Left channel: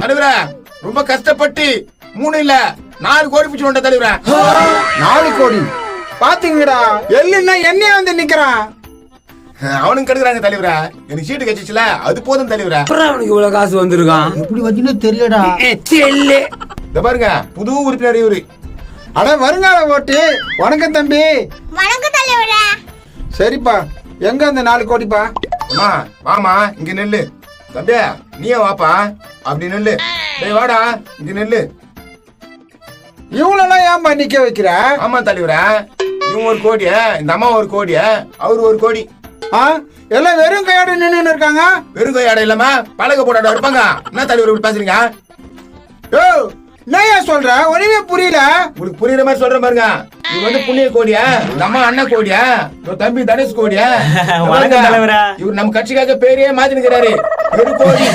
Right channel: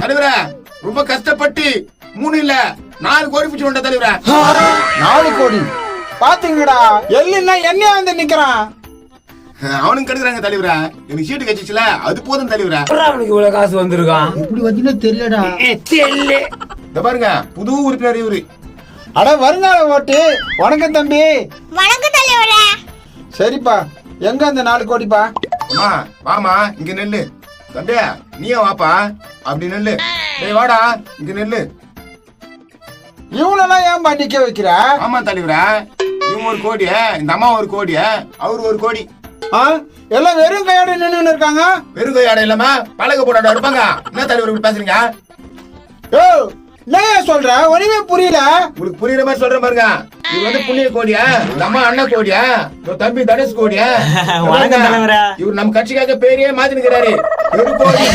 தலைவரா ரொம்ப கஷ்டப்பட்டு 3 இல்ல 4 கோடி பிடிச்சு வந்த தலைவரா. 4 கோடி பாத்தீங்கடா? எல்லுன்னா என்னையா வந்து நிக்கிறான். அவனுக்கு கெடுக்குறாங்க தலைவரா. எனக்கு சீட்டு கட்சிச்சுல அது போதும் தலைவரா. அவனுக்கு இவ்வளவு காசு வந்திருக்கான். இப்படி வச்சுன்னு தெரியலடா. இந்த பாருங்க புது உறுப்பினர் இவரு. அட வருங்கால ஓட்டு. வணக்கம் தம்பி. வணக்கம் தலைவரா. சரிப்பா, எங்க அந்த 4 கோடிப்பா? அம்மா வாமா இங்க நெல்லு. தம்பியா நீயே வாப்பா. அப்படி நெல்லு. டேய் வாடா இங்க நெல்லு. இவங்களெல்லாம் ஏன்பா நிக்க வைக்கிற? ஆமா தலைவரா, இவன் 1 கோடி, இந்த அம்மா 1 கோடி, அவரு 1 கோடி. எல்லாம் வெறும் கையோட நின்னு இருக்காங்க. வெறும் கையாட இல்லாம பழக போட்டாட இருப்பாங்க. என்ன தலைவர் இப்படி பேசுறீங்க? ஓ என்னையா சொல்ற? ஒண்ணுமே புரியல. உங்களுக்கு புரியுற மாதிரி சொல்ற பாருங்க. இது வந்து புண்ணிய கோடியா, இந்த அம்மா அண்ணன் கோடியா, தம்பி தனுஷ் கோடியா. வணக்கம் தலைவரா. இவர் நம்ம கட்சிக்காக பேரையே மாத்தினுக்கிறாரு. 1 கோடி